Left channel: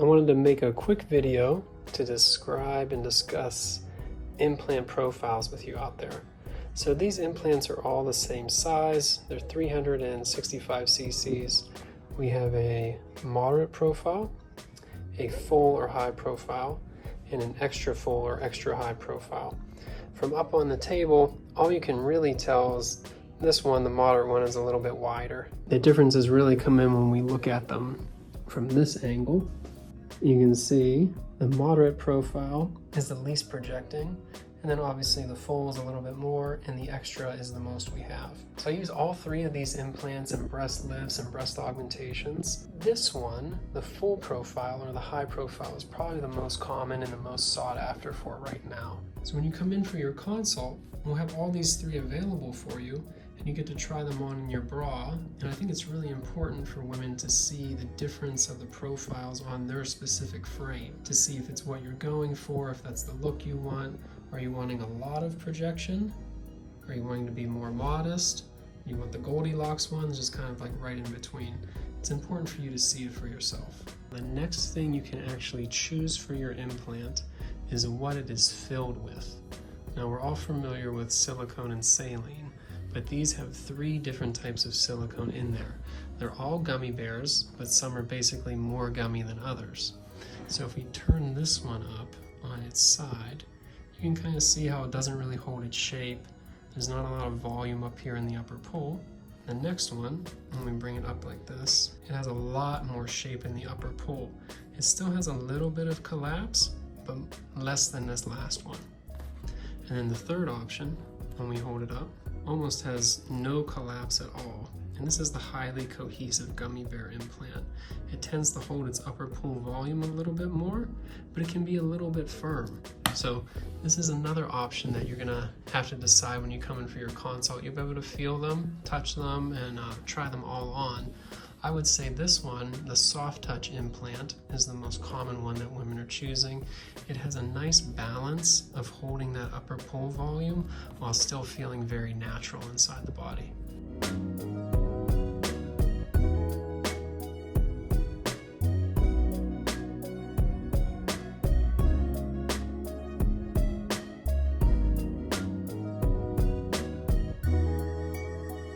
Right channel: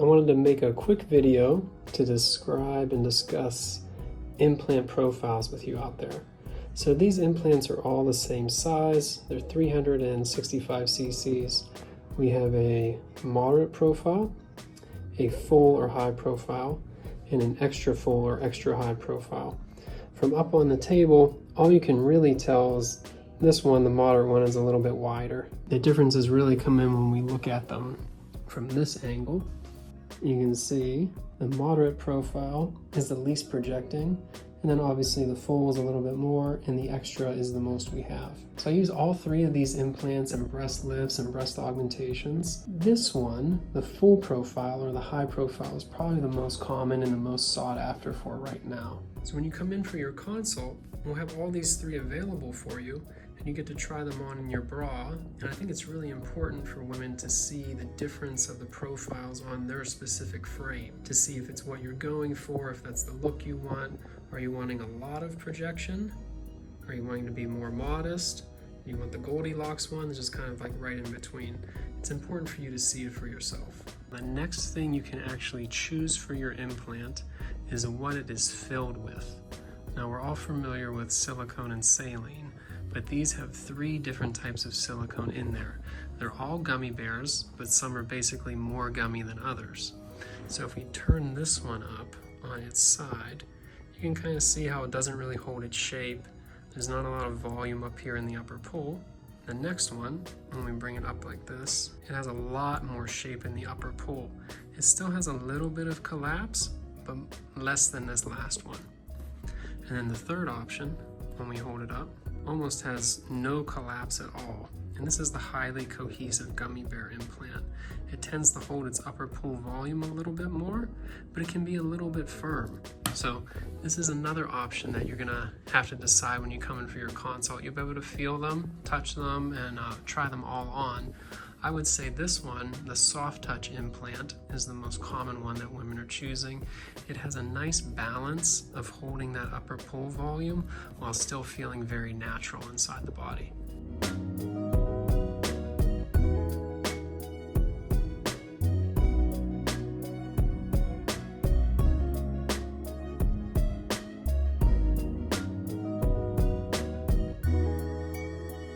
I wanted to make a quick video to describe and discuss implant profiles with you out there. So these implants are all the same size. They're 365 cc's. We have a moderate profile, a full or high profile, and an extra full or extra high profile. From up on the table, all you can really tell is this one, the moderate one, is a little bit wider. The differences really come in when we look at them from this angle. You can see the moderate profile is the least projecting, and then obviously the full is a little bit more, and the extra is the most we have. So I use all three of these implants in breast lifts and breast augmentations. This one, the full profile or the high profile, is probably the most common and the most sought after for right now. So when you come in for your consult, we'll have all these three available for you, and you get to try them on in your bra. And I think it's really important for women to see the difference of the profiles on their specific frame, to see if it's what you're going for, if that's the look you want. Are you wanting a lot of projection? Are you wanting to be more modest? You want the Goldilocks one, just kind of like right in between. It's important for you to see it for yourself. The next thing you can actually choose for your implant is what it is filled with. Now we're all familiar with silicone and saline, but these have three different types of silicone in there. They're all gummy bears, but some are basically more gummy than others. So if we turn this one up on its side, you can kind of see how it doesn't really hold its shape. There's not a lot of volume up here in the upper pull. The next one, when we bring it up like this, it has a lot more shape in the upper pull. It still has a little bit of collapse, but less than this last one. And then the third option, when we hold it up, almost has no collapse at all. And this is the highly cohesive gummy bear implant. It tends to hold its upper pull volume a little bit more, but it can be a little bit firm. So this is another option that you're gonna have to decide when you come in for your consult. You'll be able to feel them, touch them, and try them all on. I would say this one, the soft touch implant, is the most common one that women are choosing. It has a nice balance of holding that upper pull volume while still feeling very natural inside the body.